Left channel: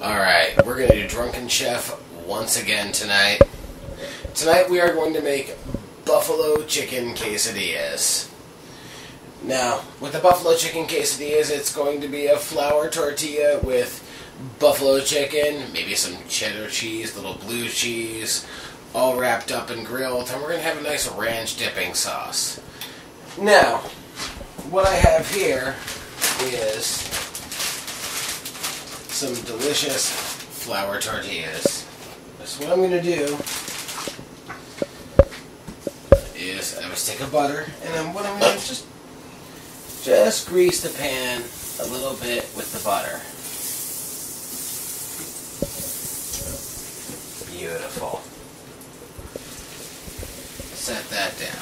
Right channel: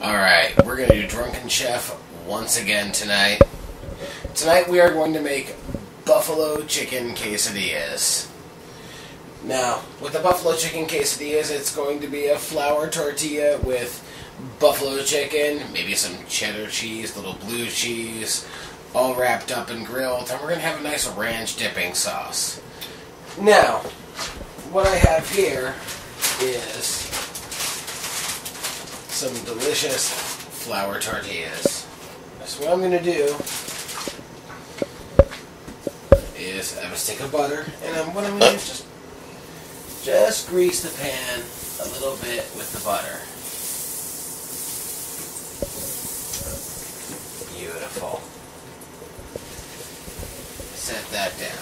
Alright, we're going to do Drunken Chef once again tonight. Tonight we are going to make buffalo chicken quesadillas. Now, with the buffalo chicken quesadillas, it's going to be a flour tortilla with buffalo chicken, maybe some cheddar cheese, little blue cheese, all wrapped up and grilled, and we're going to have a nice ranch dipping sauce. Now, what I have here is some delicious flour tortillas. So what I'm going to do is I have a stick of butter, and then what I'm going to do is just grease the pan a little bit with the butter. Beautiful. Set that down.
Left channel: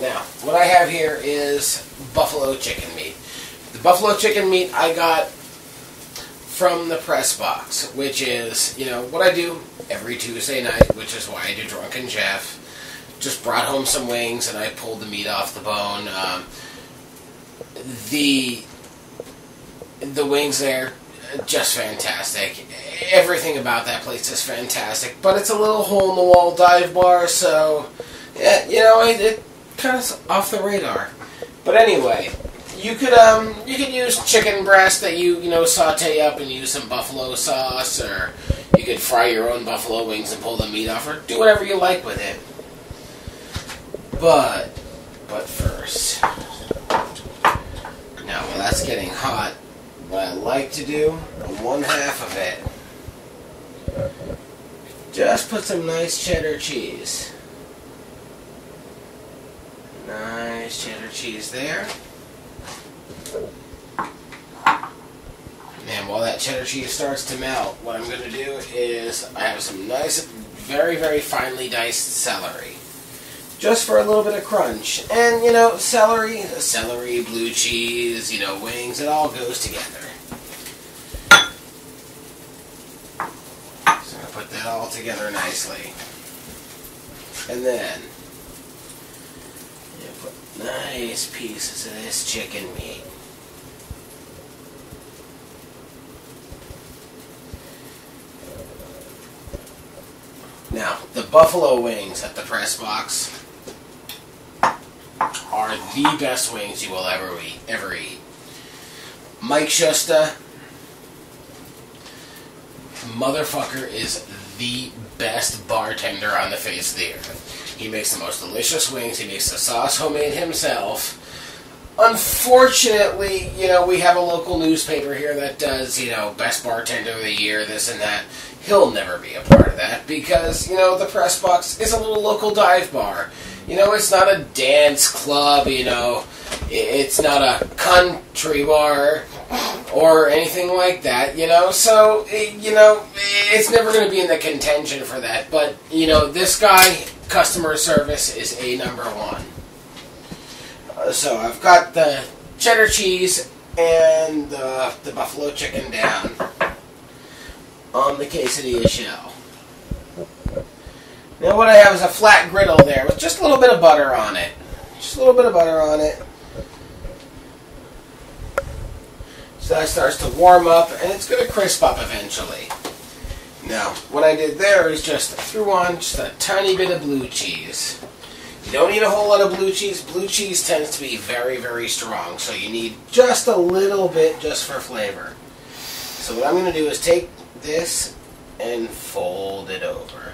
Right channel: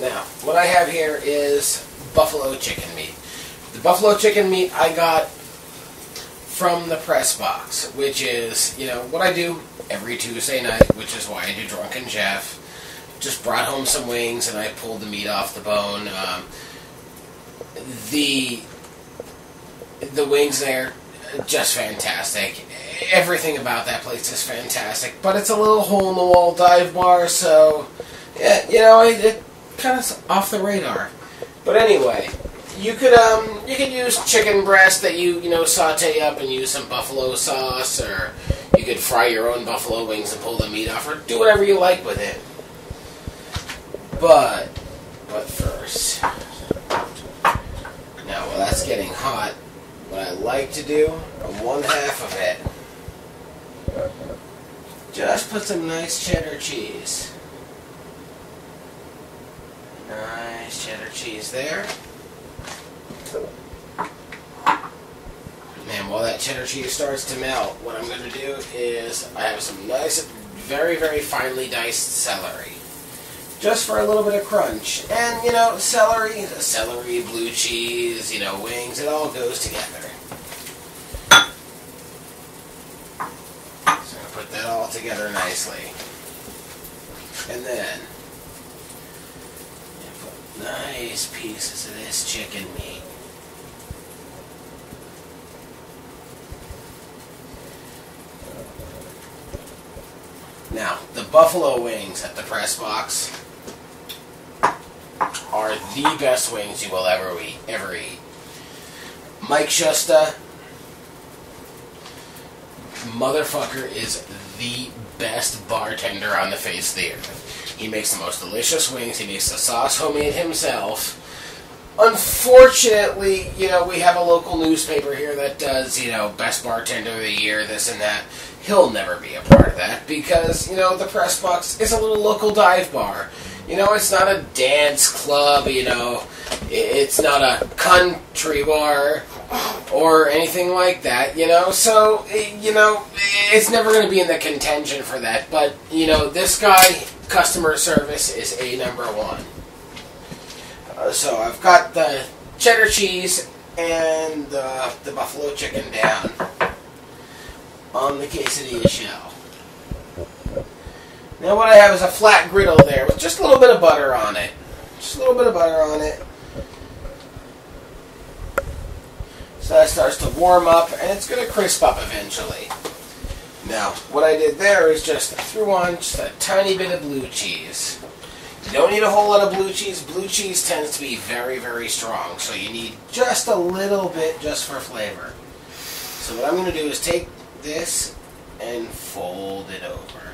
Now, what I have here is buffalo chicken meat. The buffalo chicken meat I got from the press box, which is, what I do every Tuesday night, which is why I do Drunken Chef. Just brought home some wings and I pulled the meat off the bone. The wings there, just fantastic. Everything about that place is fantastic, but it's a little hole-in-the-wall dive bar, so, yeah, it kind of off the radar. But anyway, you could use chicken breast that you saute up and use some buffalo sauce, or you could fry your own buffalo wings and pull the meat off, or do whatever you like with it. But first, now while that's getting hot, what I like to do on one half of it, just put some nice cheddar cheese. Nice cheddar cheese there. And while that cheddar cheese starts to melt, what I'm going to do is I have some nice, very, very finely diced celery. Just for a little bit of crunch. And, celery, blue cheese, wings, it all goes together. So I put that all together nicely. And then, you put nice pieces of this chicken meat. Now, the buffalo wings at the press box are the best wings you will ever eat. Mike Schusta, motherfucker, is the best bartender on the face of the earth. He makes the most delicious wings. He makes the sauce homemade himself. Unfortunately, we have a local newspaper here that does, best bartender of the year, this and that. He'll never be a part of that because, the press box is a little local dive bar. It's not a dance club, it's not a country bar or anything like that, So, it's never going to be in the contention for that. But, this guy, customer service is number one. So I've got the cheddar cheese and the buffalo chicken down on the quesadilla shell. Now what I have is a flat griddle there with just a little bit of butter on it. Just a little bit of butter on it. So that starts to warm up and it's going to crisp up eventually. Now what I did there is just threw on just a tiny bit of blue cheese. You don't need a whole lot of blue cheese. Blue cheese tends to be very, very strong, so you need just a little bit just for flavor. So what I'm going to do is take this and fold it over.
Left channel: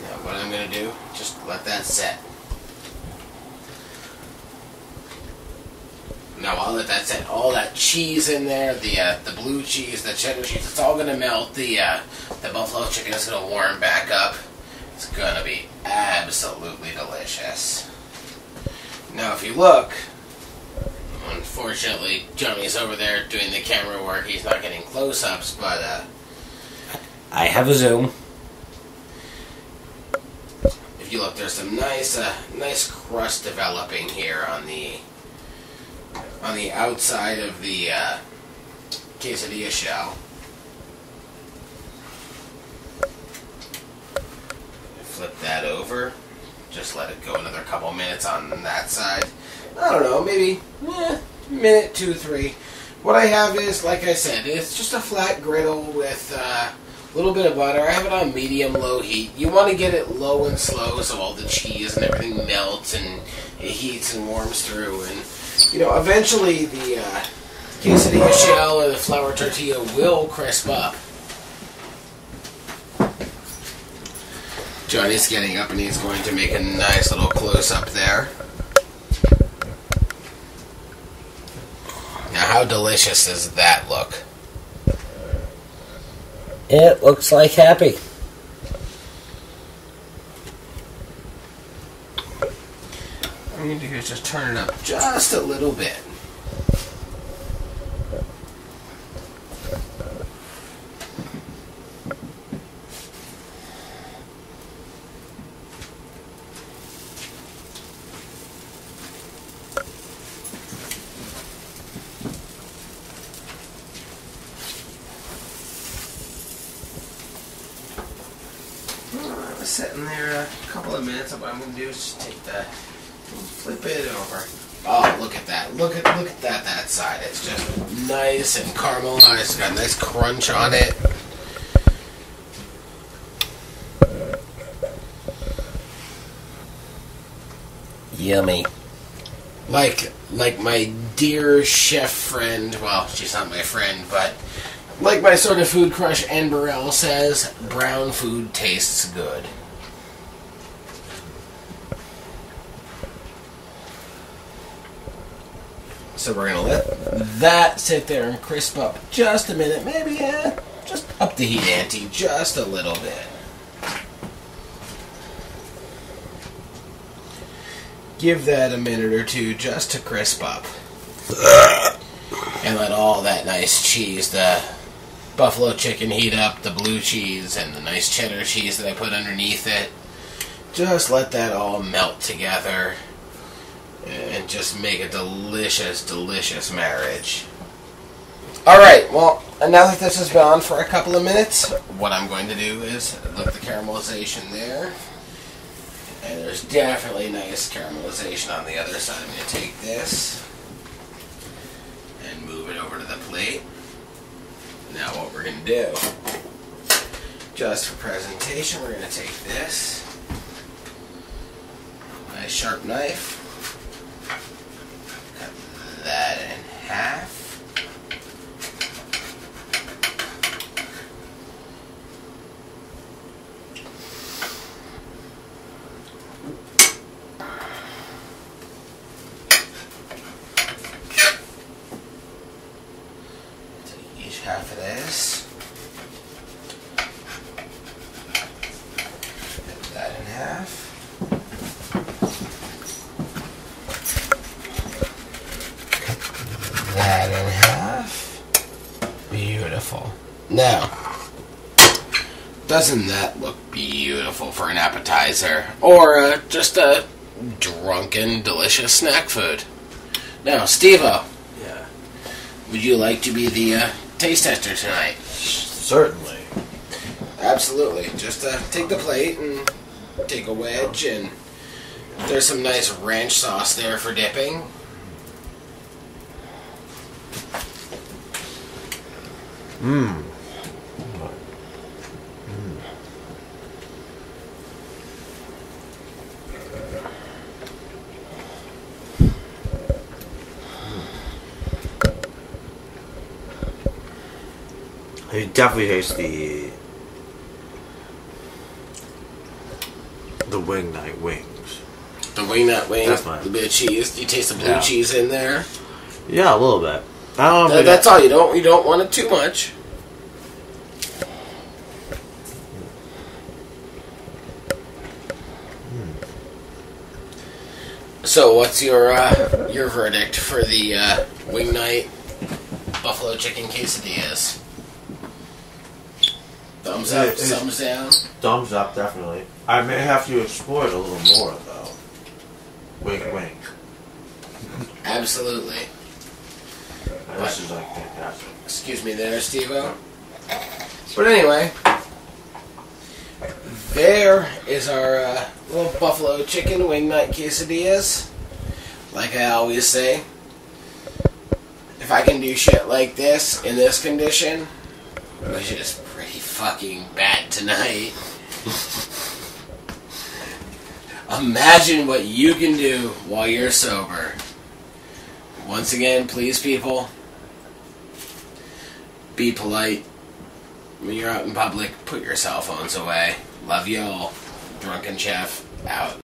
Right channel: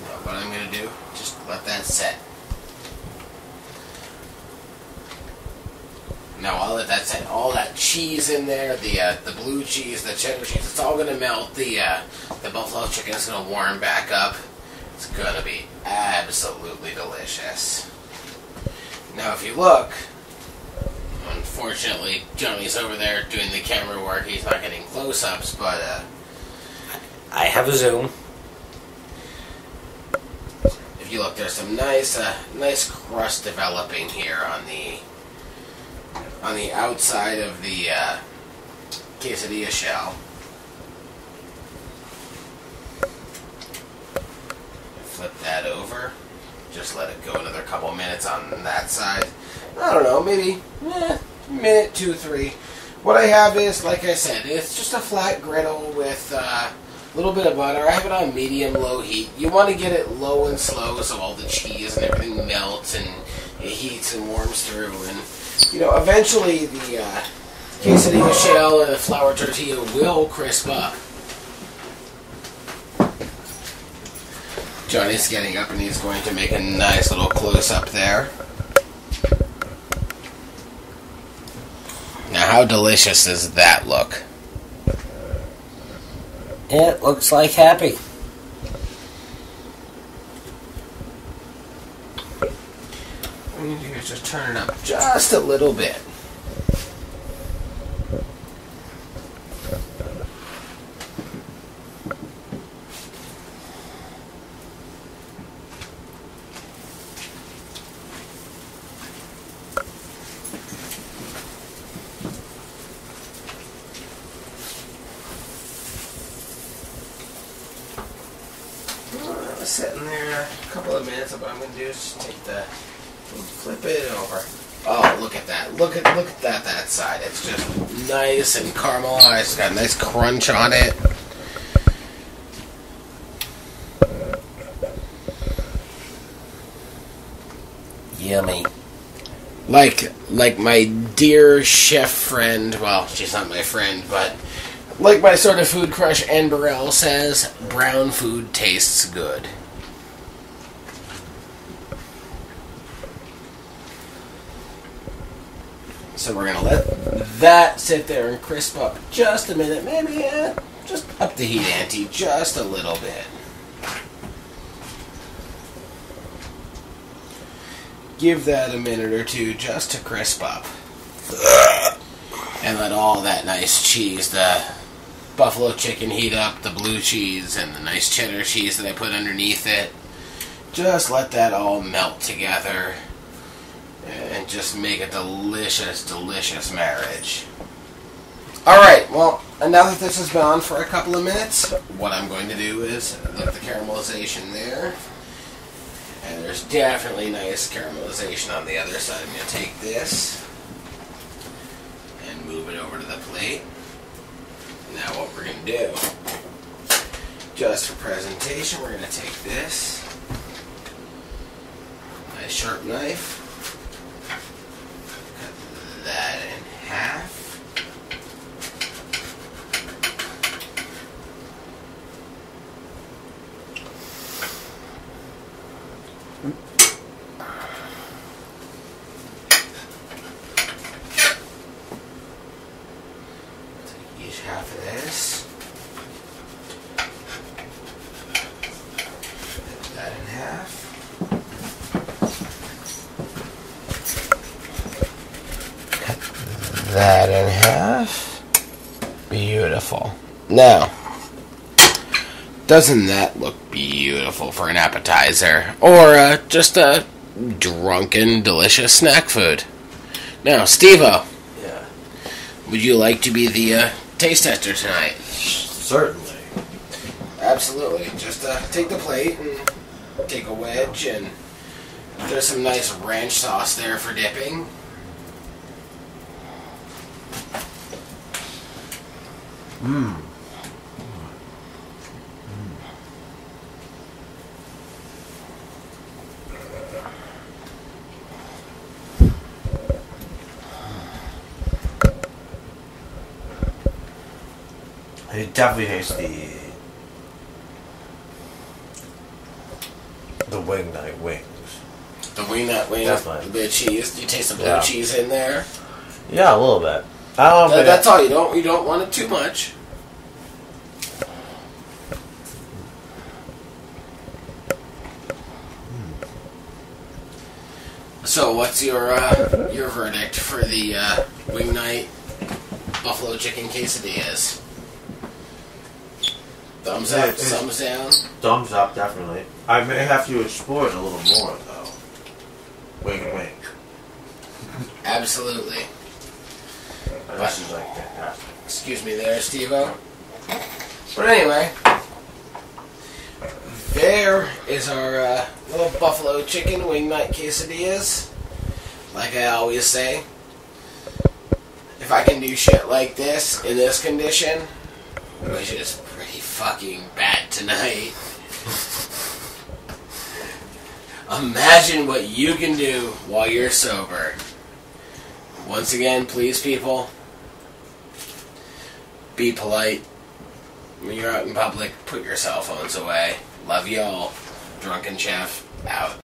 Now what I'm going to do, just let that set. Now I'll let that set. All that cheese in there, the blue cheese, the cheddar cheese, it's all going to melt. The buffalo chicken is going to warm back up. It's going to be absolutely delicious. Now if you look, unfortunately Johnny's over there doing the camera work. He's not getting close-ups, but I have a zoom. If you look, there's some nice crust developing here on the outside of the quesadilla shell. flip that over. Just let it go another couple minutes on that side. I don't know, maybe minute, 2, 3. What I have is, like I said, it's just a flat griddle with a little bit of butter. I have it on medium-low heat. You want to get it low and slow so all the cheese and everything melts and it heats and warms through. And, you know, eventually the quesadilla shell or the flour tortilla will crisp up. Johnny's getting up and he's going to make a nice little close-up there. Now, how delicious does that look? It looks like happy. What I'm going to do is just turn it up just a little bit. Sitting there a couple of minutes, and what I'm going to do is just take flip it over. Oh, look at that. Look at that side. It's just nice and caramelized. It's got a nice crunch on it. Yummy. Like my dear chef friend, well, she's not my friend, but like my sort of food crush Anne Burrell says, brown food tastes good. So we're going to let that sit there and crisp up just a minute. Maybe just up the heat ante just a little bit. Give that a minute or two just to crisp up. And let all that nice cheese, the buffalo chicken, heat up, the blue cheese, and the nice cheddar cheese that I put underneath it. Just let that all melt together. And just make a delicious, delicious marriage. Alright, well, now that this has been on for a couple of minutes, what I'm going to do is look at the caramelization there. And there's definitely nice caramelization on the other side. I'm going to take this and move it over to the plate. Now what we're going to do, just for presentation, we're going to take this nice sharp knife, that in half. Take each half of this. Put that in half. That in half. Beautiful. Now, doesn't that look beautiful for an appetizer? Or just a drunken, delicious snack food? Now, Steve-O. Yeah. Would you like to be the taste tester tonight? Certainly. Absolutely. Just take the plate and take a wedge, and there's some nice ranch sauce there for dipping. Mmm. You definitely taste the wing night wings. The wing nut wings, Definitely. a bit of cheese. Do you taste the blue cheese in there? Yeah, a little bit. I don't know. That's all. You don't want it too much. So, what's your verdict for the wing night buffalo chicken quesadillas? Thumbs up, thumbs down? Thumbs up, definitely. I may have to explore it a little more, though. Wink, wink. Absolutely. This is, like, fantastic. Excuse me there, Steve-O. But anyway, there is our little buffalo chicken wing nut quesadillas. Like I always say, if I can do shit like this in this condition, which is pretty fucking bad tonight, imagine what you can do while you're sober. Once again, please, people, be polite. When you're out in public, put your cell phones away. Love y'all. Drunken Chef, out.